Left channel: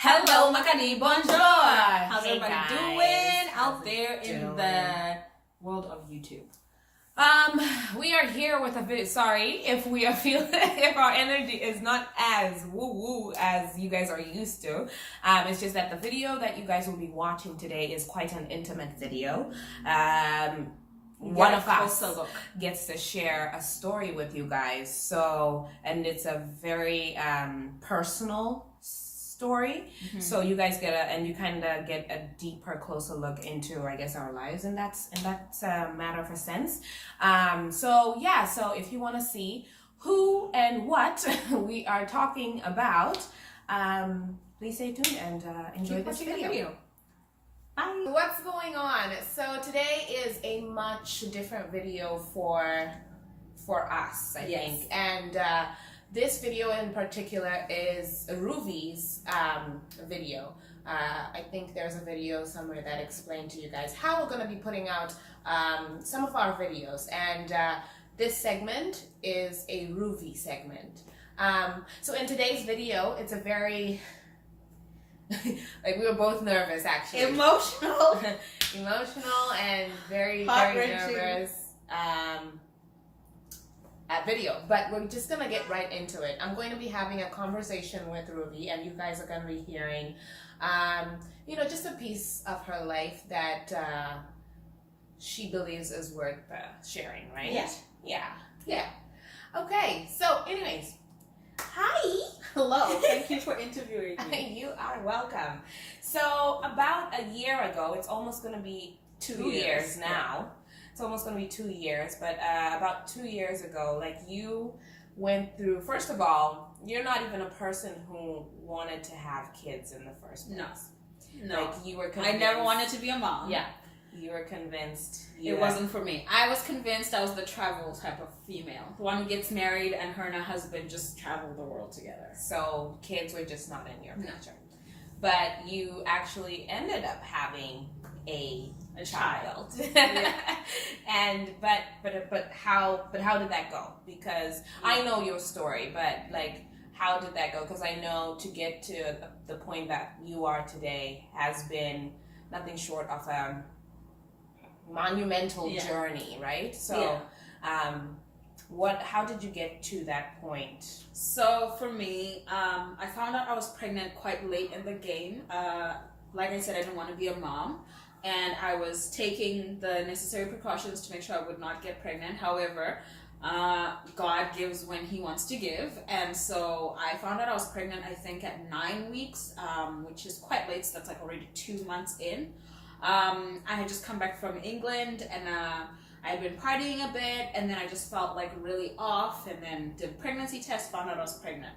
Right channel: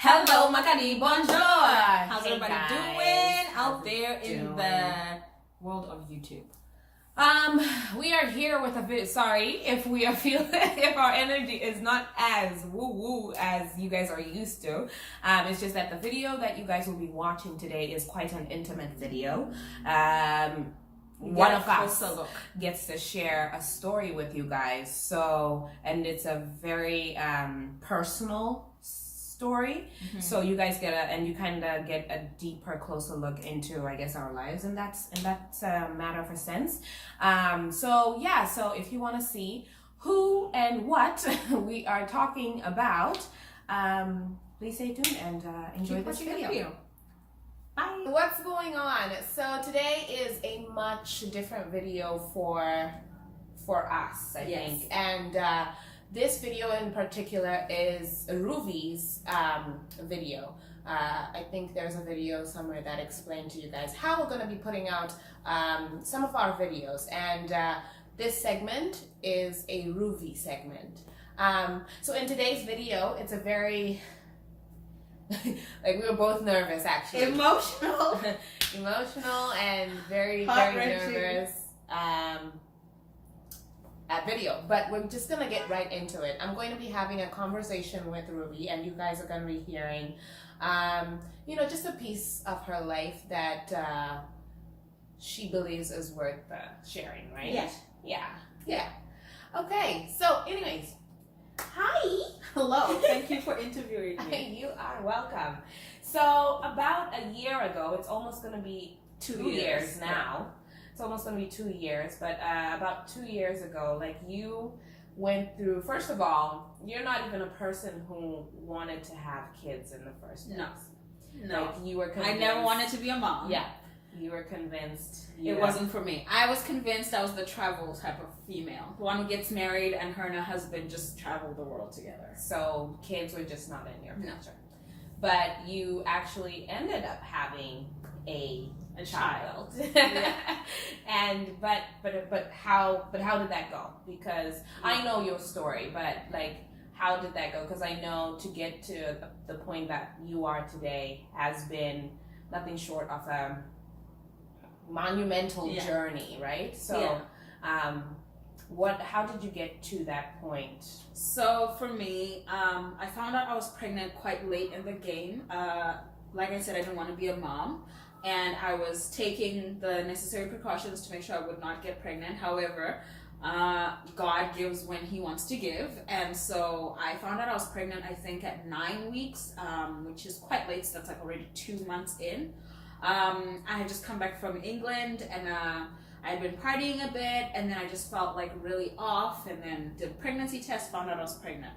Hello, Makani, bonjour. How's Hey, everybody guys. doing out How's there it in doing? the world of YouTube? We are here with a bit. Sorry if we are feeling if our energy is not as woo woo as you guys are used to. It's just that the video that you guys will be watching today is quite an intimate video. One of us gets to share a story with you guys. So, and it's a very personal story. Mm-hmm. So you guys you kind of get a deeper, closer look into, I guess, our lives, and that's a matter of a sense. So if you want to see who and what we are talking about, please stay tuned and enjoy this video. Bye. What's going on? So today is a much different video for us, I think, and this video in particular is Ruvi's video. I think there's a video somewhere that explained to you guys how we're going to be putting out some of our videos, and this segment is a Ruvi segment. So in today's video, it's a very like, we were both nervous, actually. Emotional and very nervous video, but we're just gonna get right into it. I'm going to be having a conversation with Ruvi, and you guys are gonna be hearing just a piece of her life that she believes is worth sharing, right? Yeah. Okay, so anyways, hi. Hello, thank you for interviewing me. You are welcome. So about a year ago, it's almost going to be 2 years now. It's almost going to be 2 years, but about 2 years ago, like, you went through, first of all, you're not even a person who wanted to have kids in the first place. No. Like, you were convinced. I never wanted to be a mom. Yeah. You were convinced. It wasn't for me. I was convinced I was the travel type of female. The one who gets married and her and her husband just travel the world together. So kids were just not in your picture. But you actually ended up having a child. Yeah. And but how did that go? Because I know your story, but like, how did that go? Because I know to get to the point that you are today has been nothing short of a monumental journey, right? So how did you get to that point? So for me, I found out I was pregnant quite late in the game. Like I said, I didn't want to be a mom, and I was taking the necessary precautions to make sure I would not get pregnant. However, God gives when He wants to give, and so I found out I was pregnant, I think, at 9 weeks, which is quite late, so that's like already 2 months in. I had just come back from England, and I had been partying a bit, and then I just felt like really off, and then did a pregnancy test, found out I was pregnant.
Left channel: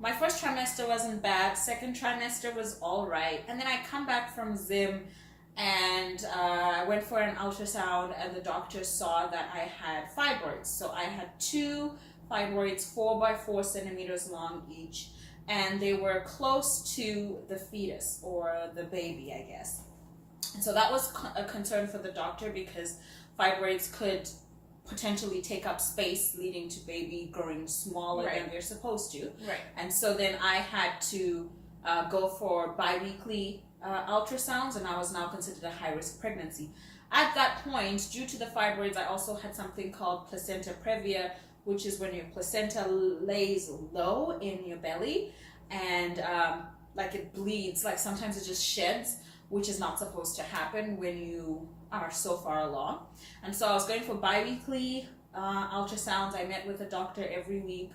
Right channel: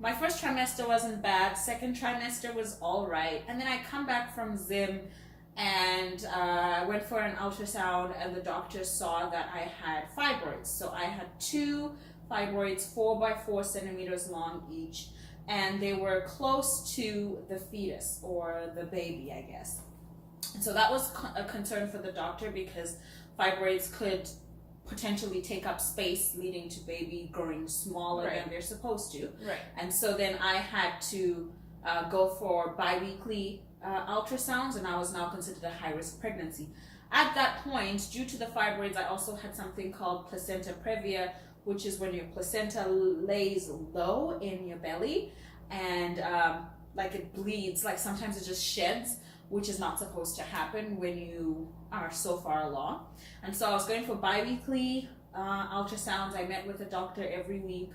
My first trimester wasn't bad, second trimester was all right, and then I come back from Zim, and I went for an ultrasound, and the doctor saw that I had fibroids. So I had 2 fibroids, 4 by 4 centimeters long each, and they were close to the fetus, or the baby, I guess. And so that was a concern for the doctor, because fibroids could potentially take up space, leading to baby growing smaller than they're supposed to. Right. And so then I had to go for bi-weekly ultrasounds, and I was now considered a high-risk pregnancy. At that point, due to the fibroids, I also had something called placenta previa, which is when your placenta lays low in your belly, and like, it bleeds, like sometimes it just sheds, which is not supposed to happen when you are so far along. And so I was going for bi-weekly ultrasounds. I met with a doctor every week,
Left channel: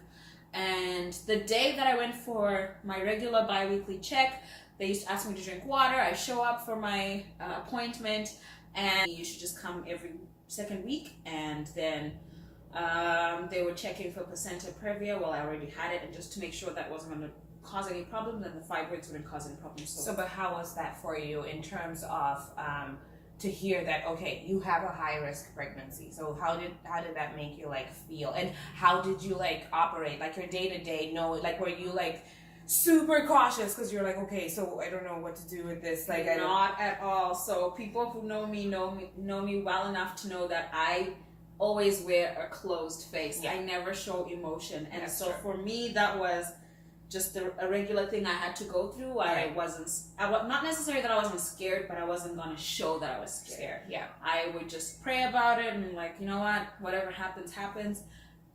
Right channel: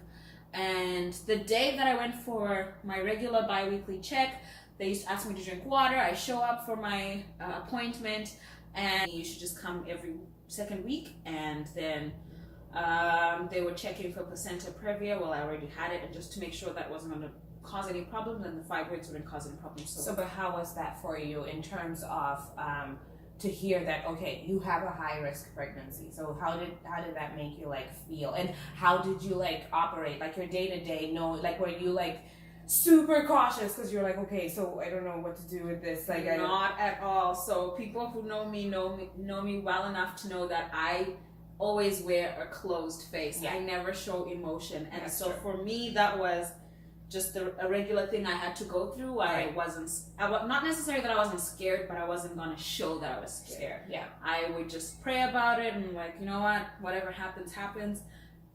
and the day that I went for my regular bi-weekly check, they used to ask me to drink water. I show up for my appointment, and you should just come every second week, and then they were checking for placenta previa. Well, I already had it, and just to make sure that wasn't going to cause any problems, and the fibroids wouldn't cause any problems. So, but how was that for you in terms of to hear that, okay, you have a high risk pregnancy? So how did that make you like feel, and how did you like operate, like your day to day? Like, were you like super cautious because you're like, okay, so I don't know what to do with this? Like, not at all. So people who know me well enough to know that I always wear a closed face. I never show emotion, and That's so true. for me that was just a regular thing I had to go through. Right. Not necessarily that I wasn't scared, but I wasn't going to show that I was scared. Yeah. I would just pray about it and like, you know what, whatever happens, happens.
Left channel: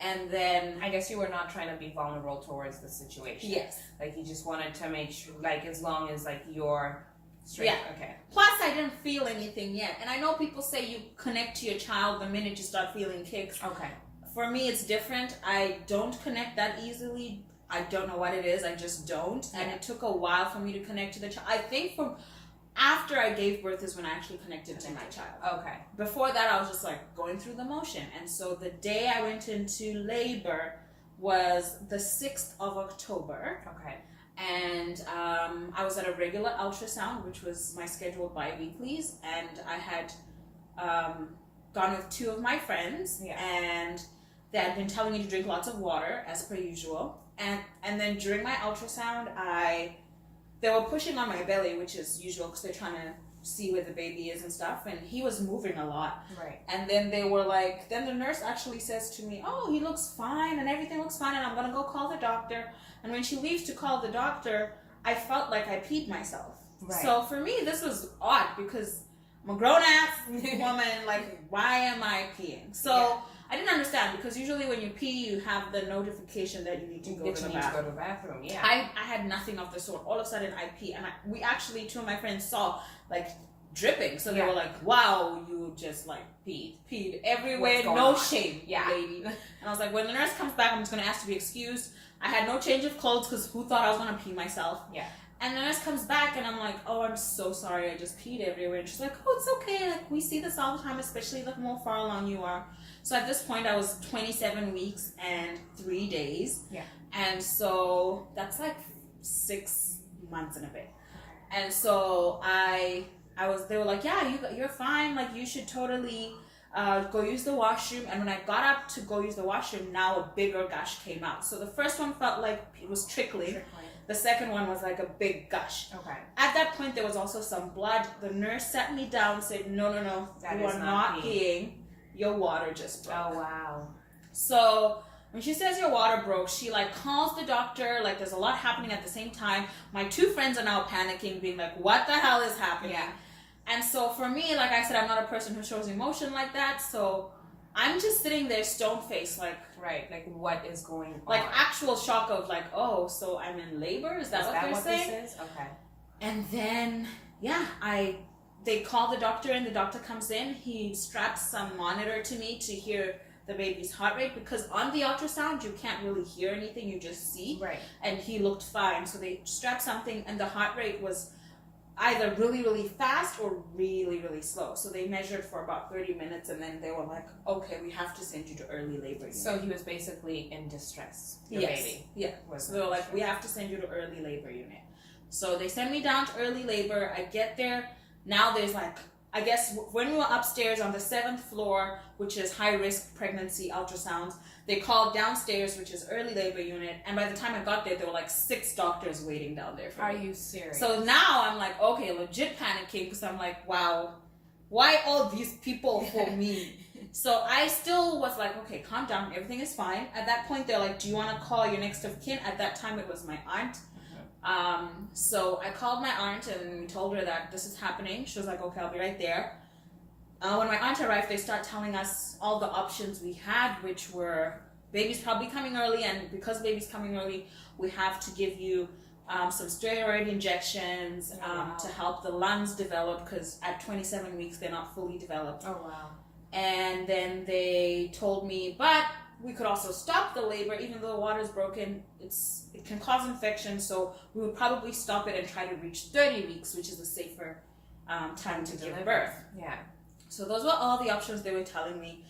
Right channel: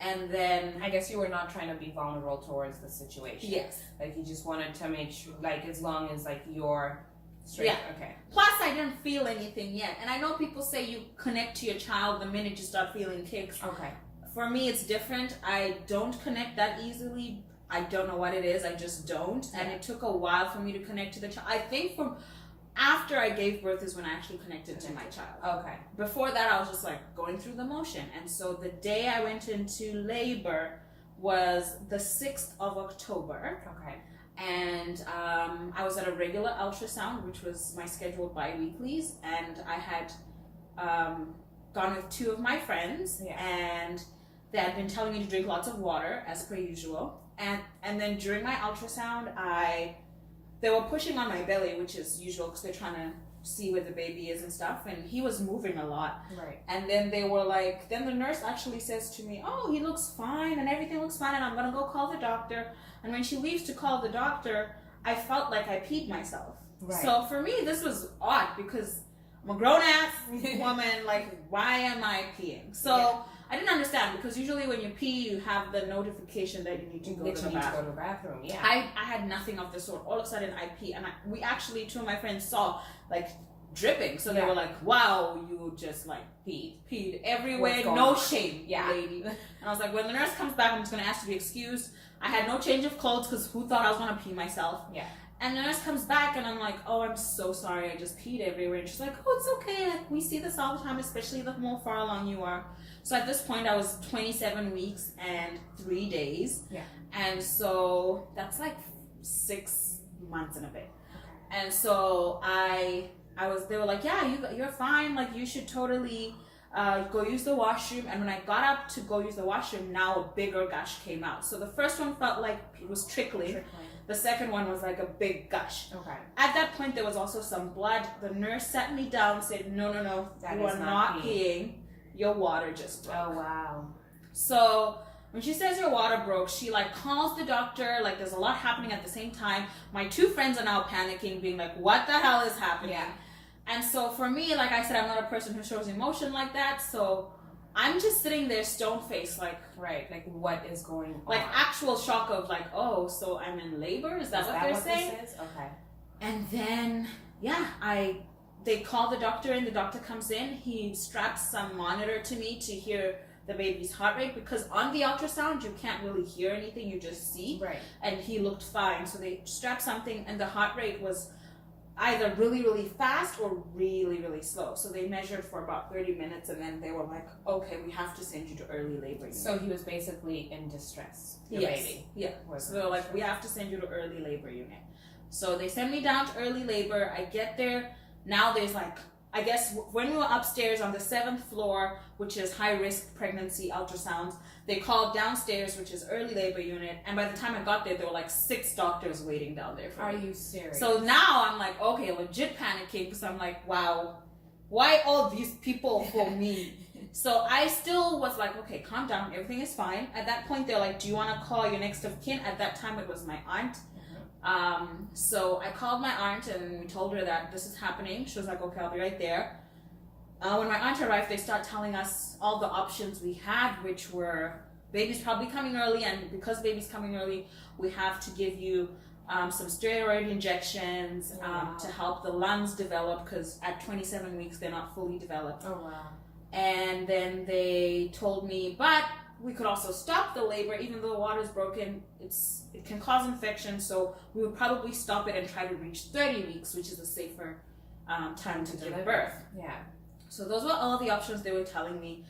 And then I guess you were not trying to be vulnerable towards the situation. yes, Like you just wanted to make sure, like as long as like you're straight. Yeah. Okay. plus I didn't feel anything yet. And I know people say you connect to your child the minute you start feeling kicks. Okay. For me, it's different. I don't connect that easily. I don't know what it is. I just don't. And Yeah. it took a while for me to connect to the child. I think from after I gave birth is when I actually connected to my child. Okay. Before that, I was just like going through the motion. And so the day I went into labor was the 6th of October. Okay. And I was at a regular ultrasound, which was my scheduled bi-weeklies. And I had gone with 2 of my friends. Yeah. And they had been telling me to drink lots of water, as per usual. And then during my ultrasound, they were pushing on my belly, which is usual because they're trying to see where the baby is and stuff. And he was moving a lot. Right. And then they were like, then the nurse actually says to me, oh, he looks fine and everything looks fine and I'm going to go call the doctor. And when she leaves to call the doctor, I felt like I peed myself. Right. So for me, this was odd because I'm a grown-ass woman. Like, why am I peeing? So Yeah. I didn't understand because usually when you pee, you have the notification that you need to go to the bathroom. Yeah. I had nothing of the sort. All of a sudden, I pee, and we actually, 2 of my friends saw like dripping. So they Yeah. were like, "Wow, you just like peed everywhere, What's going no on?" shame, Yeah. lady." And I was like, when the nurse comes back, I'm just gonna ask to be excused. I had no change of clothes because who thought I was gonna pee myself? Yeah. And the nurse comes back, and I'm like, "Oh, I'm so sorry, I just peed everywhere." And she's like, "Oh, it's okay. Like we see this all the time, especially the more far along you are." So at this point, I was 27 weeks and 3 days. Yeah. And so that's like 6 months and a bit. And so they were like, yeah, you're fine. Like you should totally go use the washroom. And when I got up to go use the washroom, now a bigger gush came out. So the first one felt like it was trickling. The second one was like a big gush. Okay. At that point, there was also some blood. The nurse sat me down, said, no, That you is are not not peeing. Your water just broke. Oh wow. So when she says your water broke, she like calls the doctor. Like there's a lot happening at the same time. My 2 friends are now panicking, being like, what the hell is happening? Yeah. And so for me, like I said, I'm not a person who shows emotion like that. So I'm just sitting there stone faced, like Like what is going on? like actual shock of like, oh, so I'm in labor? Is that what they're saying? This is? Okay. And then they call the doctor and the doctor comes in. He straps some monitor to me to hear the baby's heart rate because on the ultrasound you can't really hear anything, you just see. Right. And he looked fine. So they strapped something and the heart rate was either really, really fast or really, really slow. So they measured for about 30 minutes and then they were like, okay, we have to send you to early labor unit. So he was basically in distress. Your Yes. baby. Yeah. So they were like, we have to send you to early labor unit. So they send me down to early labor. I get there. Now there's like, I guess when we were upstairs on the 7th floor, which is high risk pregnancy ultrasounds, they called downstairs, which is early labor unit. And by the time I got there were like 6 doctors waiting down there for me. Are you serious? So now I'm like, okay, legit panicking because I'm like, wow, why all these people for me? So I still was like, okay, calm down, everything is fine. At that point, they're like, do you want to call your next of kin? At that time, it was my aunt. So I called my aunt and we told her that this is happening. She was like, okay, I'll be right there. When my aunt arrived, they start telling us all the options we had, which were baby's probably coming early, and because baby's coming early, we have to give you some steroid injections to help the lungs develop, because at 27 weeks, they're not fully developed. Oh, wow. And then they told me, but we could also stop the labor, even though the water's broken. It can cause infection, so we would probably stop it and try to reach 30 weeks, which is a safer time to give birth. Yeah. So those were all the options they were telling me.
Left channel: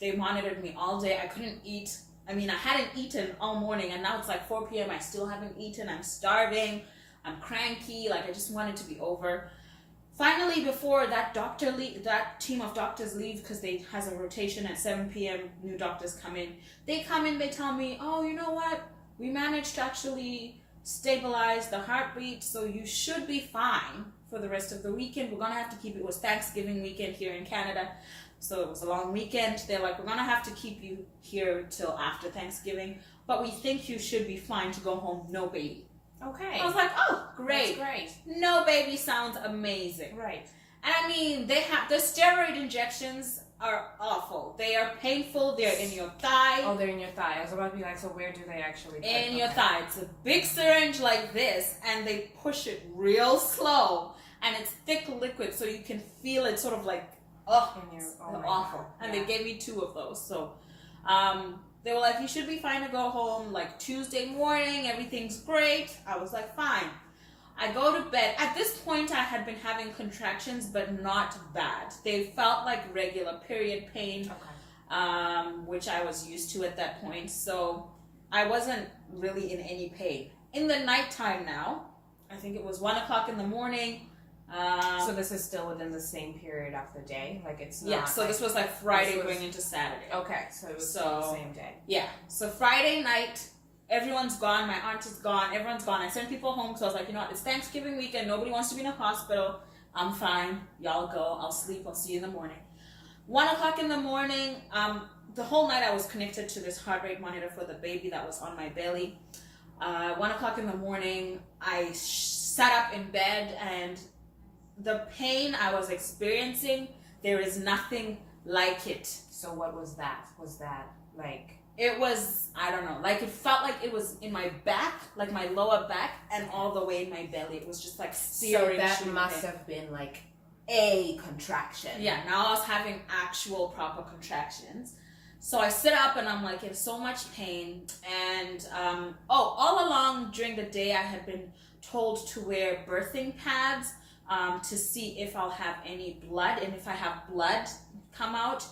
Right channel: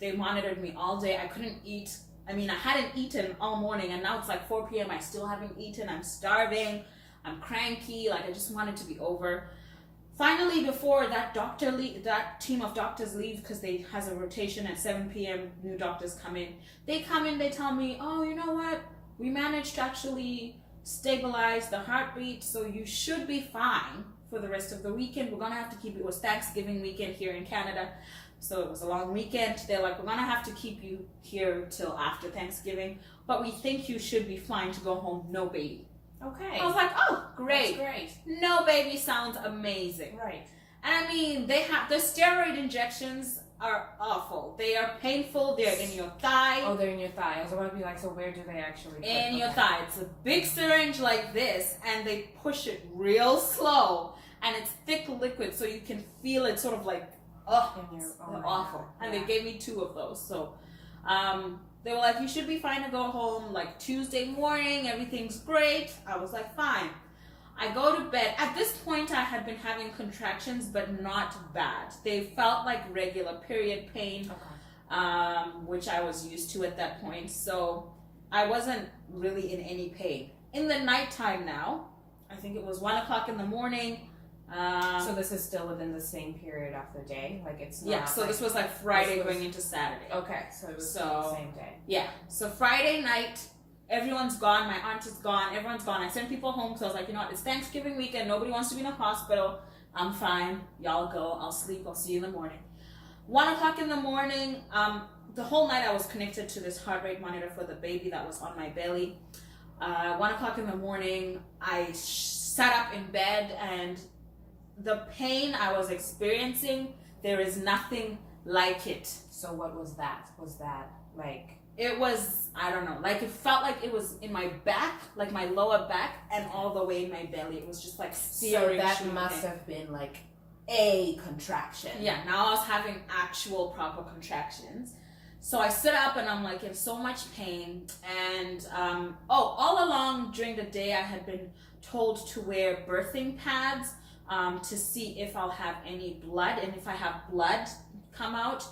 They monitored me all day. I couldn't eat. I mean, I hadn't eaten all morning, and now it's like 4 p.m. I still haven't eaten. I'm starving. I'm cranky. Like, I just want it to be over. Finally, before that that team of doctors leave, because they has a rotation at 7 p.m., new doctors come in. They come in, they tell me, oh, you know what? We managed to actually stabilize the heartbeat, so you should be fine for the rest of the weekend. We're going to have to keep it. It was Thanksgiving weekend here in Canada, so it was a long weekend. They're like, we're going to have to keep you here till after Thanksgiving. but we think you should be fine to go home, no baby. Okay. I was like, oh, great. That's great. No baby sounds amazing. Right. And I mean, they have the steroid injections are awful. They are painful. They're in your thigh. Oh, they're in your thigh. I was about to be like, so where do they actually put in your thigh? It's a big syringe like this, and they push it real slow, and it's thick liquid, so you can feel it sort of like, it's awful. God. And Yeah. they gave me 2 of those. So they were like, you should be fine to go home like Tuesday morning. Everything's great. I was like, fine. I go to bed. At this point, I had been having contractions, but not bad. They felt like regular period pain, which I was used to at that point. So I wasn't really in any pain. In the nighttime now, I think it was 1 o'clock in the morning. So this is still within the same period of the day? Like it's not... Yeah, so this was like Friday going into Saturday. Okay, so it was the same day. Yeah, so Friday night, everyone's gone. My aunt is gone. Everyone's gone. I sent people home because I was like, you know what? It's Thanksgiving weekend. Nobody wants to be in a hospital. I'm fine. Y'all go. I'll sleep. I'll see you in the morning. 1 o'clock in the morning, the whole night I was connected to this heart rate monitor for the baby that was on my belly. 1 o'clock in the morning, I sat up in bed, and the pain I was experiencing, there is nothing like it. So what was that? Was that like... It was, I don't know, like it felt like it was in my back, like my lower back, and all the way in my belly. It was just like searing. So that must have been like a contraction. Yeah, now I was having actual proper contractions. So I sit up and I'm like in so much pain. And all along during the day, I had been told to wear birthing pads to see if I'll have any blood. And if I have blood come out,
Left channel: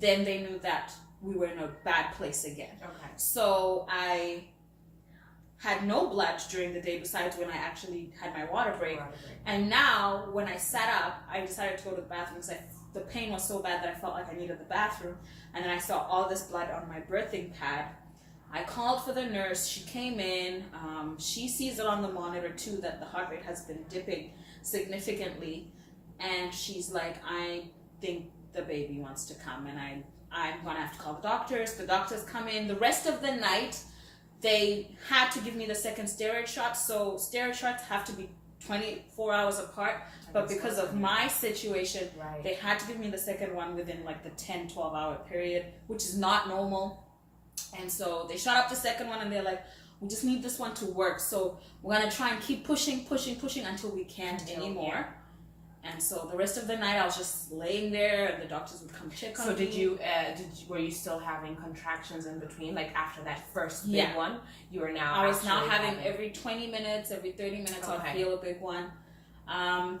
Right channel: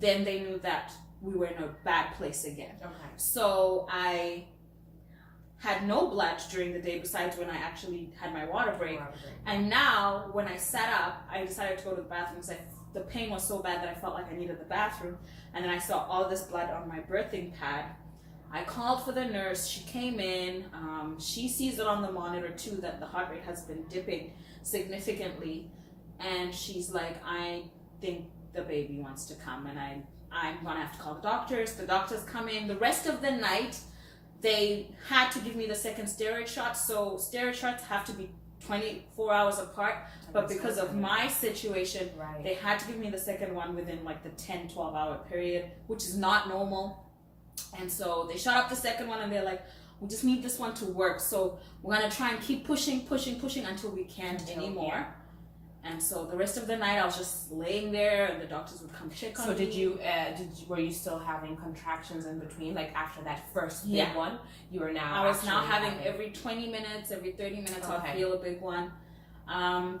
then they knew that we were in a bad place again. Okay. So I had no blood during the day besides when I actually had my water break. And now when I sat up, I decided to go to the bathroom because the pain was so bad that I felt like I needed the bathroom. And then I saw all this blood on my birthing pad. I called for the nurse. She came in. She sees it on the monitor too that the heart rate has been dipping significantly. And she's like, I think the baby wants to come, and I'm gonna have to call the doctors. The doctors come in. The rest of the night, they had to give me the second steroid shot. So steroid shots have to be 24 hours apart. But because of my situation, they had to give me the second one within like the 10, 12-hour period, which is not normal. And so they shot up the second one, and they're like, we just need this one to work. So we're gonna try and keep pushing until we can't anymore. Yeah. And so the rest of the night, I was just laying there, and the doctors would come check on me. So were you still having contractions in between? Like after that first big one, you were now. I was now having every 20 minutes, every 30 minutes, I'll feel a big one.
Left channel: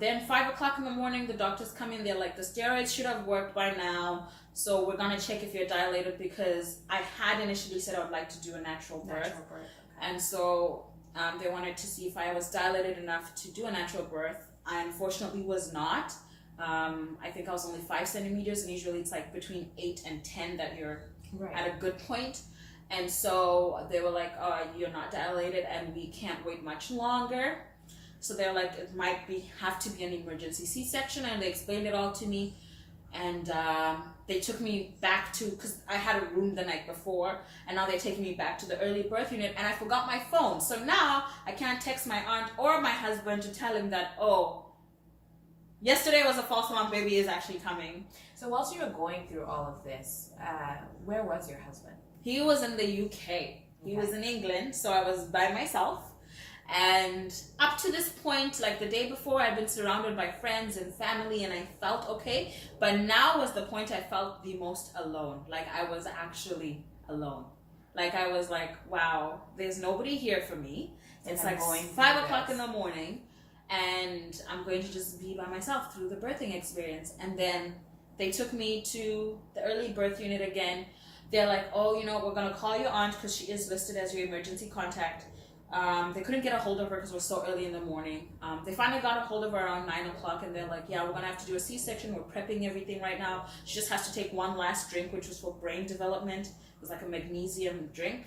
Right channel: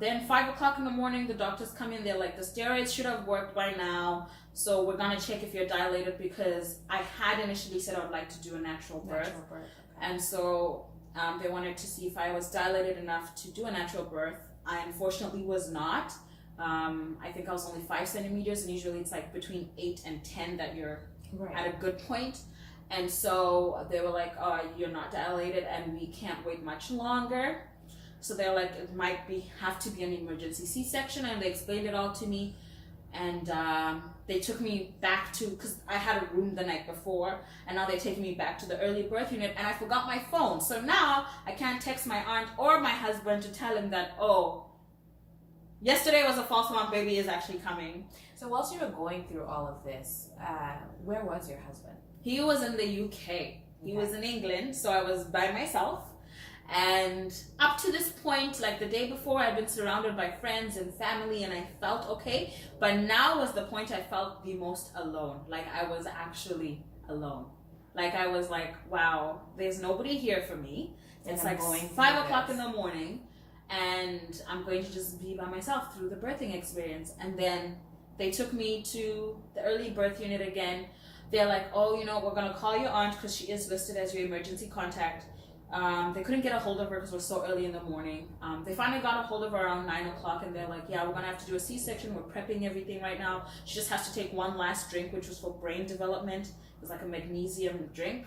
Then 5 o'clock in the morning, the doctors come in. They're like, the steroids should have worked by now. So we're gonna check if you're dilated, because I had initially said I would like to do a natural birth. Okay. And so they wanted to see if I was dilated enough to do a natural birth. I unfortunately was not. I think I was only 5 centimeters, and usually it's like between 8 and 10 that you're at a good point. And so they were like, oh, you're not dilated, and we can't wait much longer. So they're like, it might have to be an emergency C-section, and they explained it all to me. And they took me back to, because I had a room the night before, and now they're taking me back to the early birth unit, and I forgot my phone. So now I can't text my aunt or my husband to tell him that, oh, yesterday was a false alarm, baby is actually coming. So whilst you were going through all of this, where was your husband? He was in the UK. He was in England, so I was by myself. And up to this point, like the day before, I'd been surrounded by friends and family, and I felt okay. But now was the point I felt the most alone. Like I was actually alone. Like I was like, wow, there's nobody here for me. It's like 5 o'clock in the morning, and I'm going to just be by myself through the birthing experience. And then they took me to the early birth unit again. They're like, oh, we're going to call your aunt because she is listed as your emergency contact. They couldn't get a hold of her because it was so early in the morning. They finally got a hold of her around 9 o'clock, and they're like, yeah, we're going to have to do a C-section. We're prepping everything right now. She just has to take one last drink, which was for brain development. It was like a magnesium drink.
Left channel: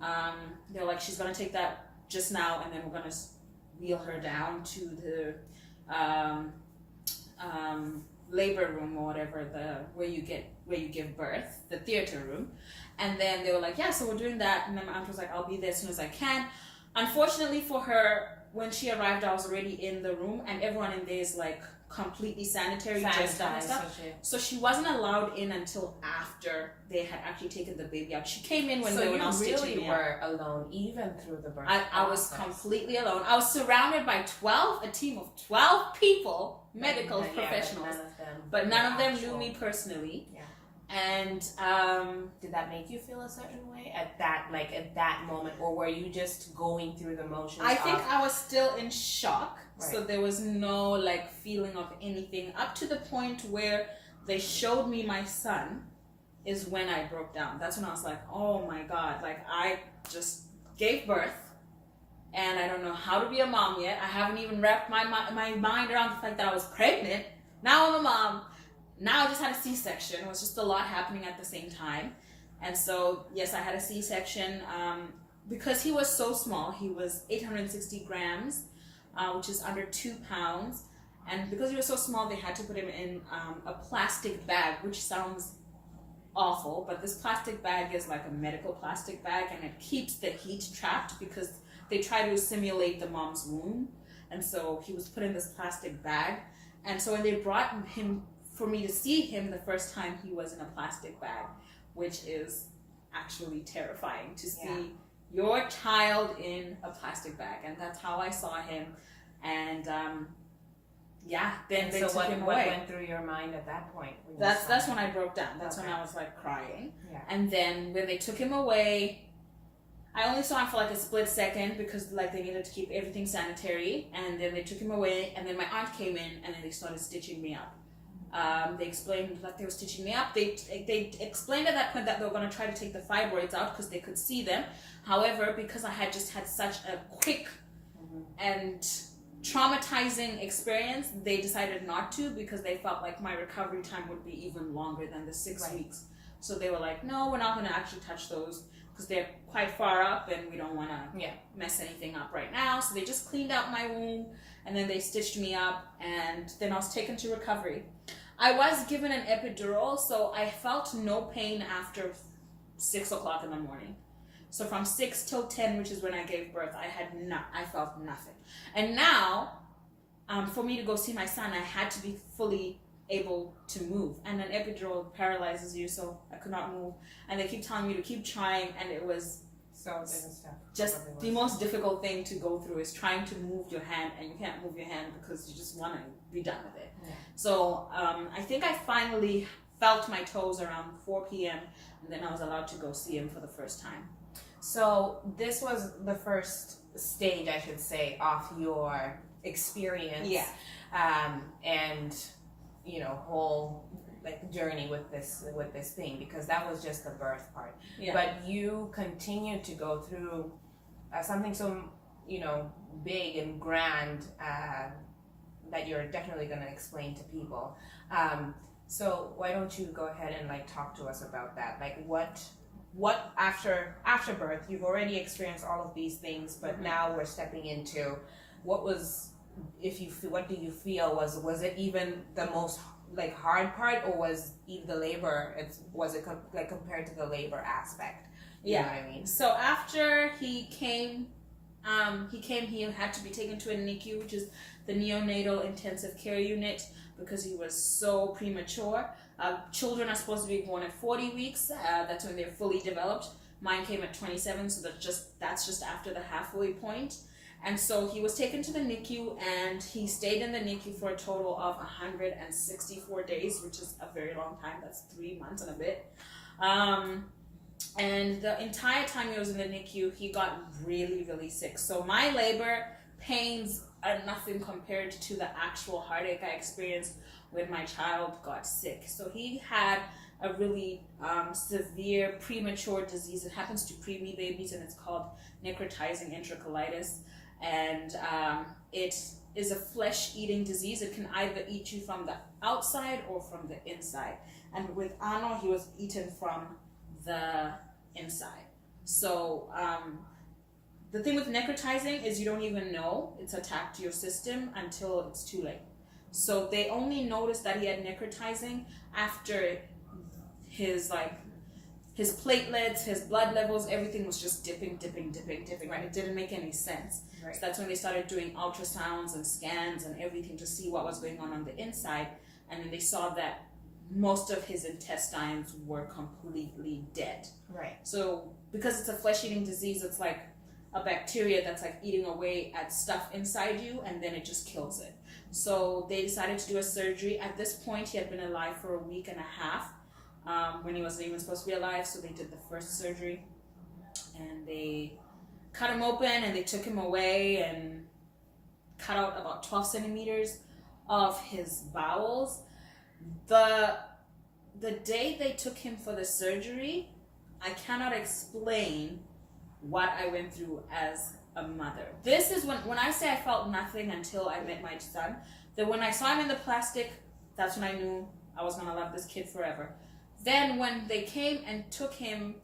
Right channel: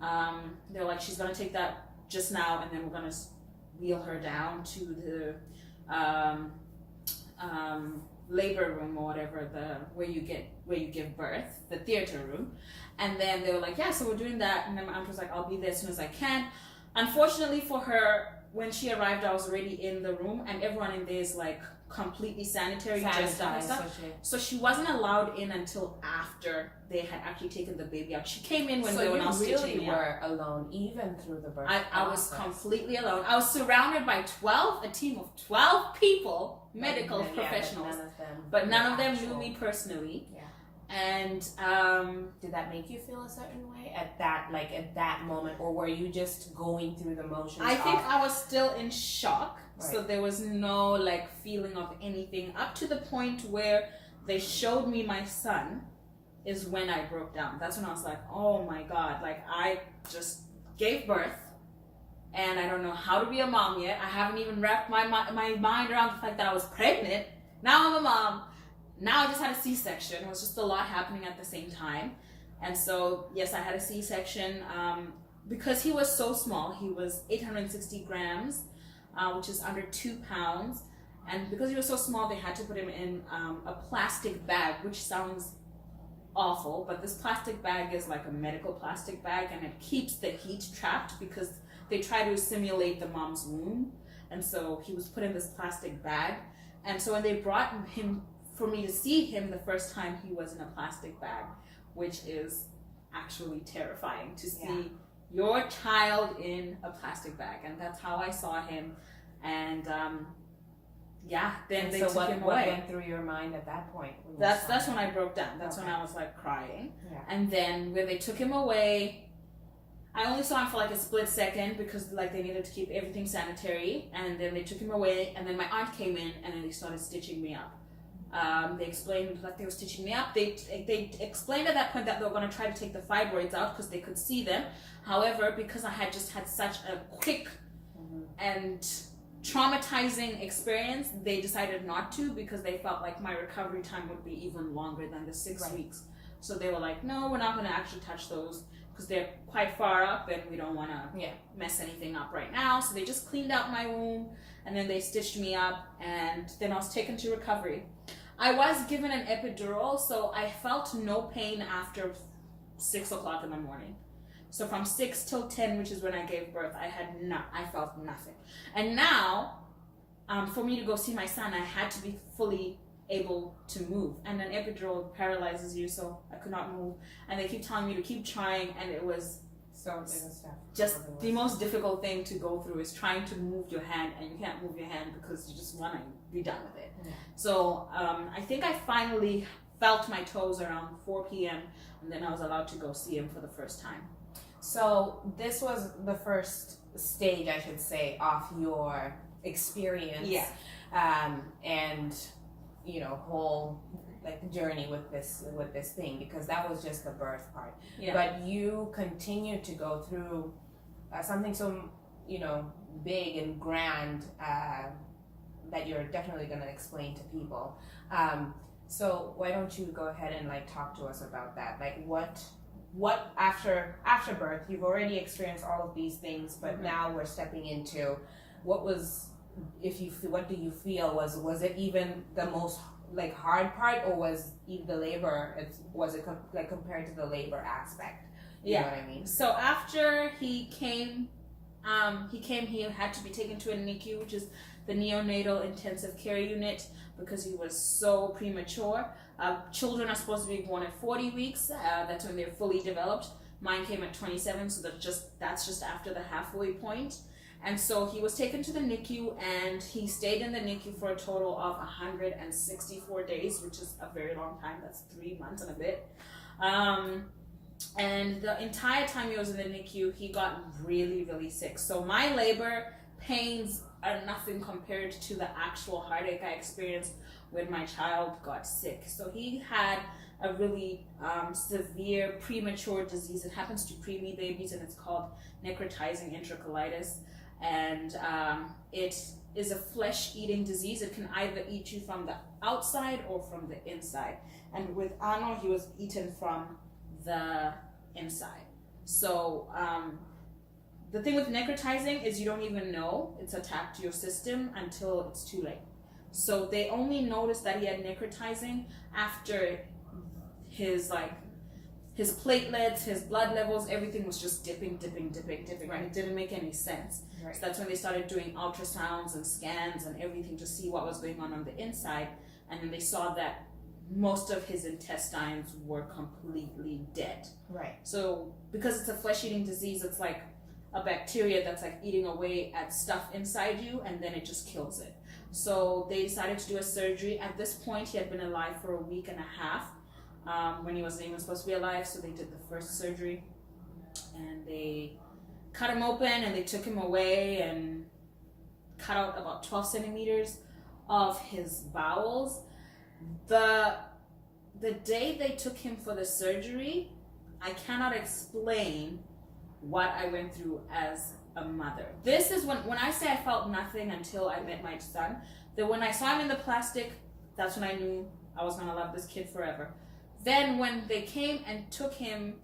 They're like, she's going to take that just now, and then we're going to wheel her down to the labor room or whatever, where you give birth, the theater room. And then they were like, yeah, so we're doing that. And then my aunt was like, I'll be there as soon as I can. Unfortunately for her, when she arrived, I was already in the room, and everyone in there is like completely sanitary, dressed up and stuff. So she wasn't allowed in until after they had actually taken the baby out. She came in when they were not stitching me up. So you really were alone, even through the birth I was completely alone. I was surrounded by a team of 12 people, medical professionals, but none of them knew me personally. Yeah. And did that make you feel a certain way at that moment, or were you just going through the motions? I think I was still in shock, so there was no like feeling of anything up to the point where they showed me my son. Is when I broke down. That's when I was like, oh my god, like I just gave birth and I don't know how to be a mom yet. I haven't even wrapped my mind around the fact that I was pregnant. Now I'm a mom. Now I just had a C-section. It was just a lot happening at the same time. And so, yes, I had a C-section because he was so small. He was 860 grams, which is under 2 pounds. And because he was so small, they had to put him in a plastic bag, which sounds awful. But this plastic bag is like a medical plastic bag, and it keeps the heat trapped because they try to simulate the mom's womb. And so he was put in this plastic bag. And so when they brought him for me to see him the first time, he was in a plastic bag, which is actually terrifying to see your child in a plastic bag. And that's how I saw him. And then they took him away. What went through your mind at that point? That's when I broke down. That's when I was like crying. Yeah. And then when they took him away, I only saw him for like a split second because like they needed to keep everything sanitary. And then they took him away, and then my aunt came in, and then they started stitching me up. They explained that they were stitching me up. They explained at that point that they were going to try to take the fibroids out because they could see them. However, because I had just had such a quick and traumatizing experience, they decided not to because they felt like my recovery time would be even longer than the 6 weeks. So they were like, no, we're not going to actually touch those because they're quite far up and we don't want to mess anything up right now. So they just cleaned out my womb, and then they stitched me up, and then I was taken to recovery. I was given an epidural, so I felt no pain after 6 o'clock in the morning. So from 6 till 10, which is when I gave birth, I felt nothing. And now, for me to go see my son, I had to be fully able to move. And an epidural paralyzes you, so I could not move. And they keep telling me to keep trying, and it was just the most difficult thing to go through is trying to move your hand, and you can't move your hand because you just want to be done with it. Yeah. So I think I finally felt my toes around 4 p.m. and then I was allowed to go see him for the first time. So this was the first stage, I should say, of your experience. Yeah. And whole journey with this thing, because that was just the birth part. Yeah. But you continued to go through something so big and grand that you're definitely going to explain to people. So why don't you go ahead and talk to us about that? What after birth, you've already experienced all of these things, but now we're stepping into what do you feel was it even the most hard part, or was even the labor? Was it compared to the labor aspect? You know what I mean? So after he came, he had to be taken to a NICU, which is the neonatal intensive care unit, because he was so premature. Children are supposed to be born at 40 weeks. That's when they're fully developed. Mine came at 27, so that's just after the halfway point. And so he was taken to the NICU, and he stayed in the NICU for a total of 164 days, which is a very long time. That's 3 months and a bit. And the entire time he was in the NICU, he got really, really sick. So my labor pains are nothing compared to the actual heartache I experienced when my child got sick. So he had a really severe premature disease. It happens to preemie babies, and it's called necrotizing enterocolitis. And it is a flesh-eating disease. It can either eat you from the outside or from the inside. And with Arno, he was eaten from the inside. So the thing with necrotizing is you don't even know it's attacked your system until it's too late. So they only noticed that he had necrotizing after his his platelets, his blood levels, everything was just dipping. Right. And it didn't make any sense. Right. So that's when they started doing ultrasounds and scans and everything to see what was going on the inside. And then they saw that most of his intestines were completely dead. Right. So because it's a flesh-eating disease, it's like a bacteria that's like eating away at stuff inside you, and then it just kills it. So they decided to do a surgery. At this point, he had been alive for a week and a half when he wasn't even supposed to be alive. So they did the first surgery, and they cut him open, and they took him away and cut out about 12 centimeters of his bowels. The day they took him for the surgery, I cannot explain what I went through as a mother. This is when I say I felt nothing until I met my son, that when I saw him in the plastic, that's when I knew I was gonna love this kid forever. Then when they came and took him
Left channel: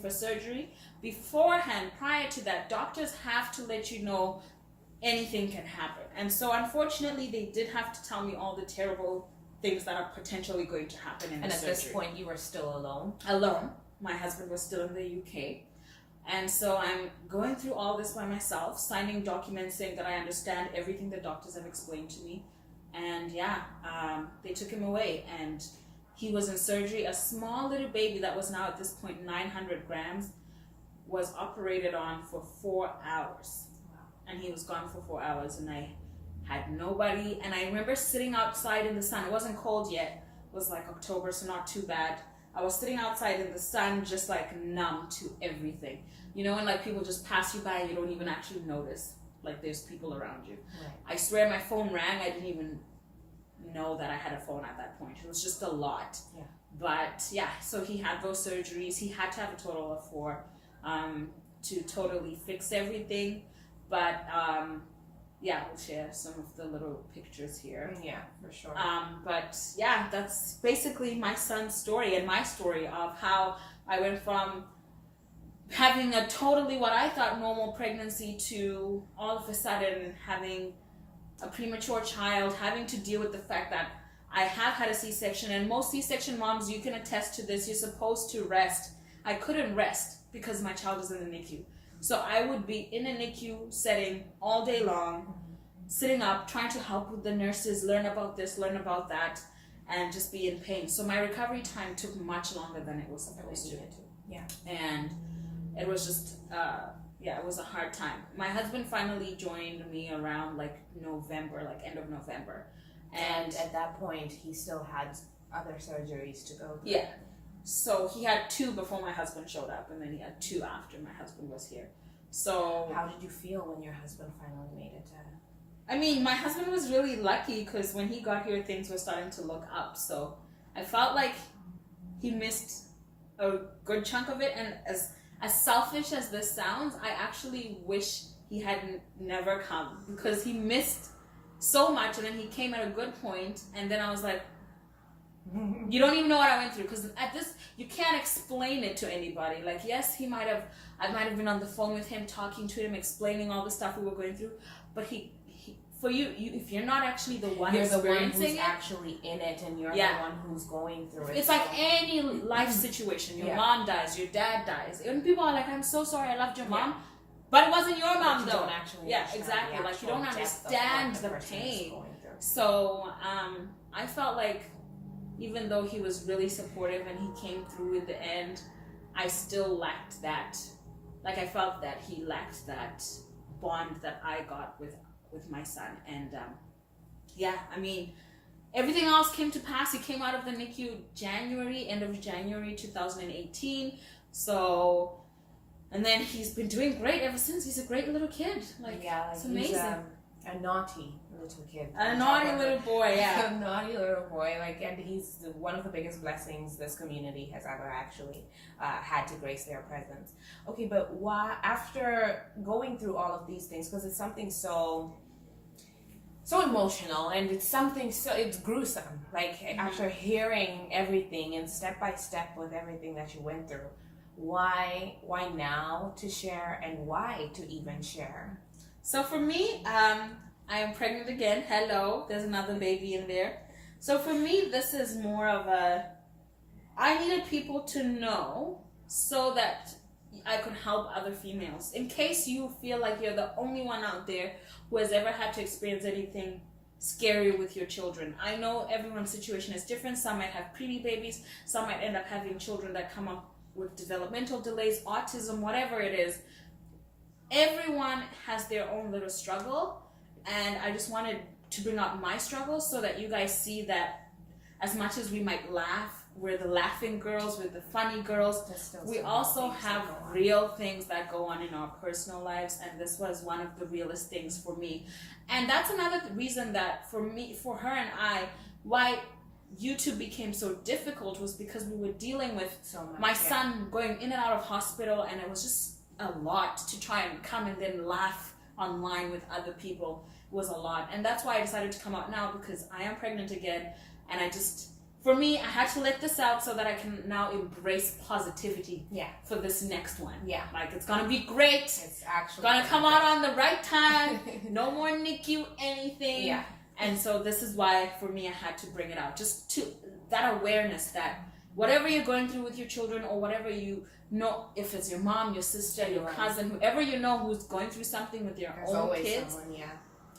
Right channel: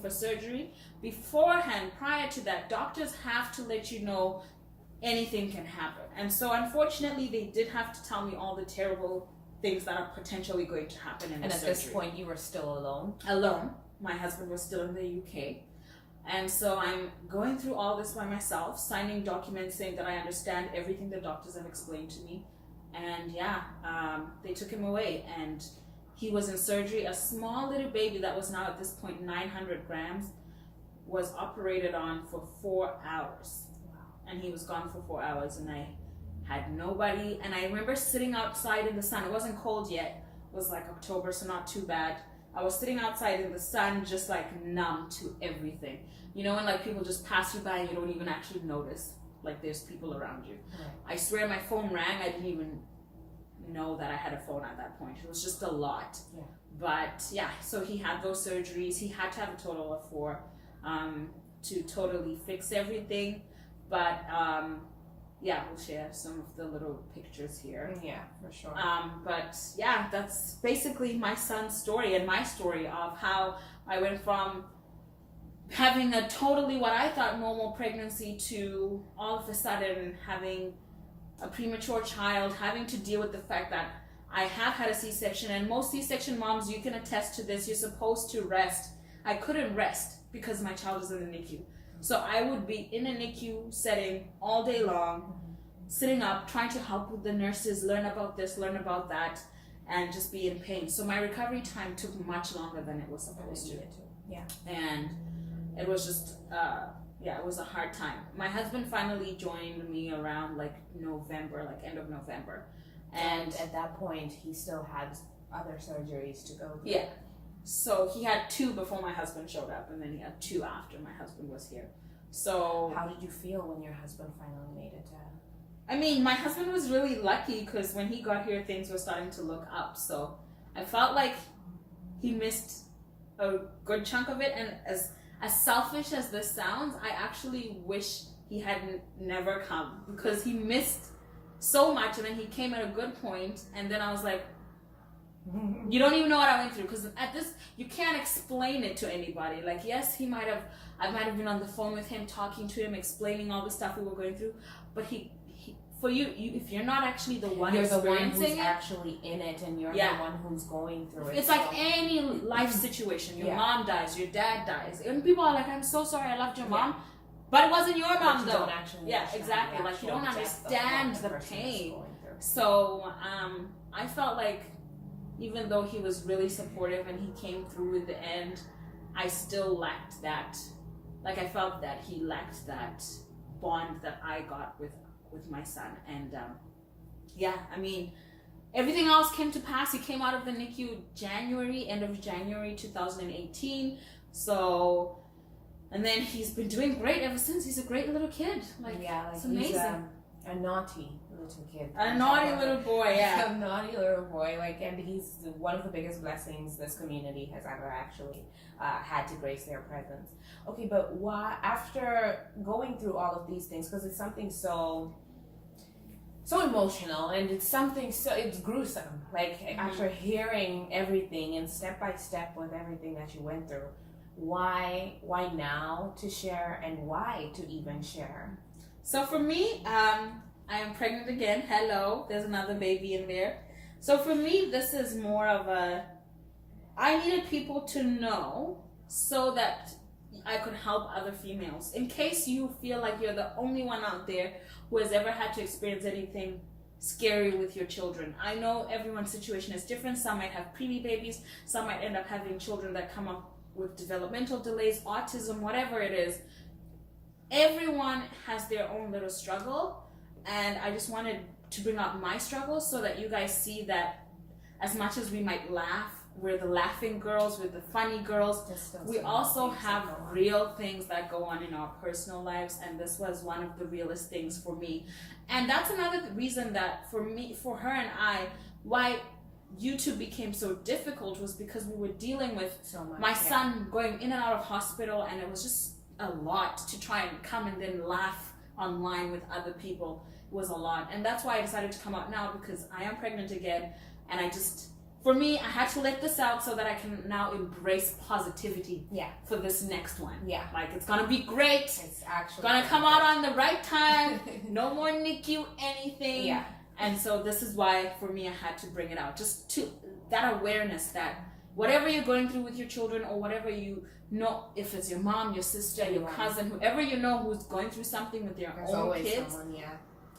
for surgery, beforehand, prior to that, doctors have to let you know anything can happen. And so unfortunately, they did have to tell me all the terrible things that are potentially going to happen in the surgery. And at this point, you were still alone? Alone. My husband was still in the UK. And so I'm going through all this by myself, signing documents saying that I understand everything the doctors have explained to me. And they took him away, and he was in surgery. A small little baby that was now at this point 900 grams was operated on for 4 hours. Wow. And he was gone for 4 hours, and I had nobody. And I remember sitting outside in the sun. It wasn't cold yet. It was like October, so not too bad. I was sitting outside in the sun, just like numb to everything. You know, when like people just pass you by and you don't even actually notice like there's people around you. Right. I swear my phone rang. I didn't even know that I had a phone at that point. It was just a lot. Yeah. But yeah, so he had those surgeries. He had to have a total of 4 to totally fix everything. But yeah, we'll share some of the little pictures here. Yeah, for sure. But yeah, that's basically my son's story and my story of how I went from having a totally what I thought normal pregnancy to all of a sudden having a premature child, having to deal with the fact that I have had a C-section, and most C-section moms, you can attest to this, you're supposed to rest. I couldn't rest because my child is in the NICU. So I would be in a NICU setting all day long, sitting up, trying to help with the nurses, learn about this, learn about that, and just be in pain. So my recovery time took much longer than it was supposed to. Yeah. And it was just, it was a hard time. My husband finally joined me around like November, like end of November. And at that point, he still had other surgeries to go through. Yeah. So he had 2 before my husband showed up, and then he had 2 after my husband was here. So how did you feel when your husband finally made it? I mean, my husband was really lucky because when he got here, things were starting to look up. So I felt like he missed a good chunk of it. And as selfish as this sounds, I actually wish he hadn't never come, because he missed so much, and then he came at a good point, and then I was like, you don't even know what I went through, because at this, you can't explain it to anybody. Like, yes, I might have been on the phone with him, talking to him, explaining all the stuff we were going through, but he for you, if you're not actually the one you're experiencing the one who's it, actually in it, and you're the one who's going through it. It's like any life situation. Your mom dies, your dad dies, and people are like, "I'm so sorry, I loved your mom," but it wasn't your mom, though. Exactly. Like, you don't understand the pain. So I felt like, even though he was really supportive and he came through in the end, I still lacked that. Like, I felt that he lacked that bond that I got with my son. And I mean, everything else came to pass. He came out of the NICU end of January 2018. So, and then he's been doing great ever since. He's a great little kid. It's amazing. He's a naughty little kid. A naughty little boy, yeah. A naughty little boy, and he's one of the biggest blessings this community has ever actually had to grace their presence. Okay, but why, after going through all of these things, because it's something so emotional, and it's gruesome, after hearing everything and step by step with everything that you went through, why now to share, and why to even share? So for me, I am pregnant again. Hello, there's another baby in there. So for me, this is more of I needed people to know so that I could help other females. In case you feel like you're the only one out there who has ever had to experience anything scary with your children. I know everyone's situation is different. Some might have preemie babies. Some might end up having children that come up with developmental delays, autism, whatever it is. Everyone has their own little struggle. And I just wanted to bring out my struggles so that you guys see that as much as we might laugh, we're the laughing girls, we're the funny girls, we also have real things that go on in our personal lives, and this was one of the realest things for me. And that's another reason that for her and I, why YouTube became so difficult was because we were dealing with so much, my son going in and out of hospital, and it was just a lot to try and come and then laugh online with other people. It was a lot, and that's why I decided to come out now, because I am pregnant again, and for me, I had to let this out so that I can now embrace positivity for this next one. Yeah. Like, it's going to be great. It's actually going to come out on the right time. No more NICU anything. Yeah. And so this is why, for me, I had to bring it out. Just to that awareness that whatever you're going through with your children, or whatever you know, if it's your mom, your sister, your cousin, whoever you know who's going through something with their own kids,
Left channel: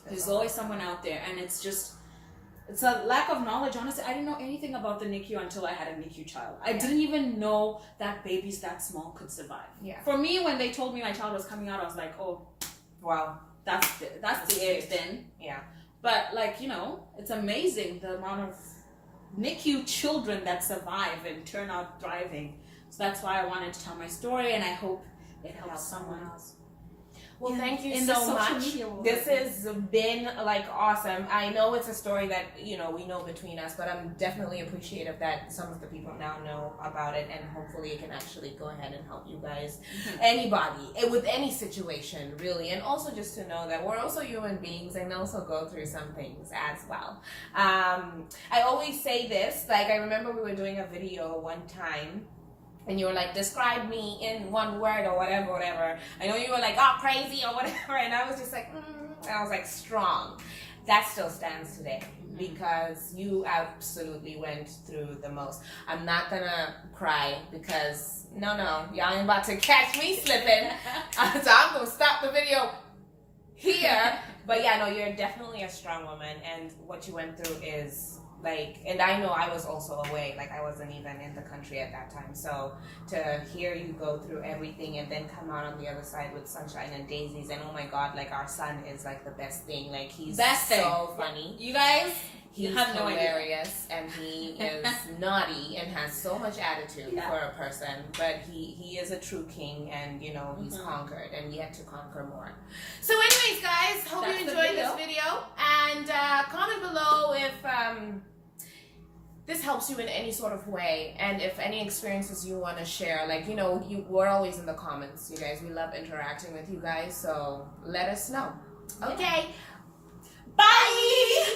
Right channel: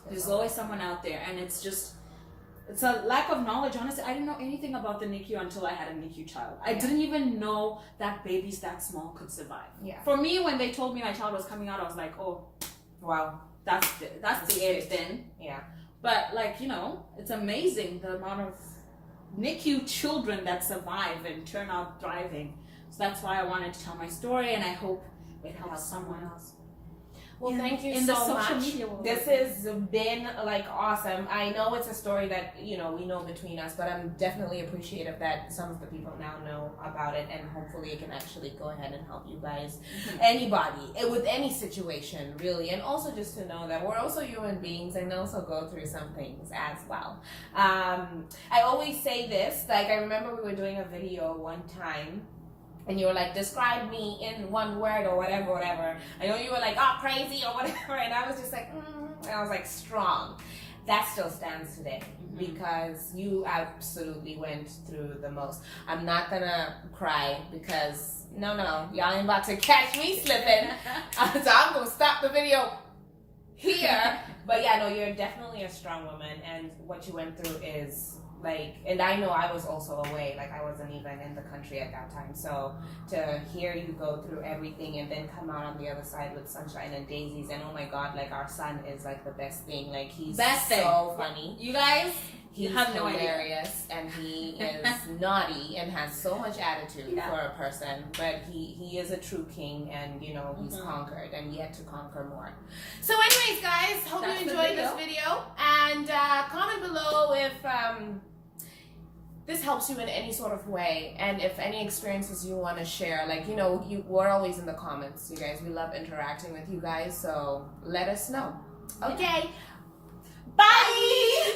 there's always someone out there. And it's a lack of knowledge. Honestly, I didn't know anything about the NICU until I had a NICU child. I didn't even know that babies that small could survive. Yeah. For me, when they told me my child was coming out, I was like, oh, wow, that's the end then. Yeah. But like, you know, it's amazing the amount of NICU children that survive and turn out thriving. So that's why I wanted to tell my story, and I hope it helps someone else. Well, thank you so much. This has been like awesome. I know it's a story that, you know, we know between us, but I'm definitely appreciative that some of the people now know about it, and hopefully it can actually go ahead and help you guys, anybody, with any situation, really. And also just to know that we're also human beings and also go through some things as well. I always say this, like, I remember we were doing a video one time, and you were like, describe me in one word or whatever. I know you were like, oh, crazy or whatever. And I was just like, and I was like, strong. That still stands today, because you absolutely went through the most. I'm not gonna cry because, no, y'all ain't about to catch me slipping. So I'm gonna stop the video here. But yeah, no, you're definitely a strong woman. And what you went through is, like, and I know I was also away, like I wasn't even in the country at that time. So to hear you go through everything and then come out on the other side with sunshine and daisies, and oh my God, like our son is like the best thing. Like he's so funny. You guys, he's hilarious, and he is naughty and has so much attitude for a person, but he is a true king, and you know, he's conquered and yet to conquer more. So anyways, guys, hope you enjoyed this video, and comment below if this helps you in any sort of way, and if any experiences you want to share. Like, you know, we're always in the comments, you guys. We love interacting with you guys, so let us know. Okay, bye.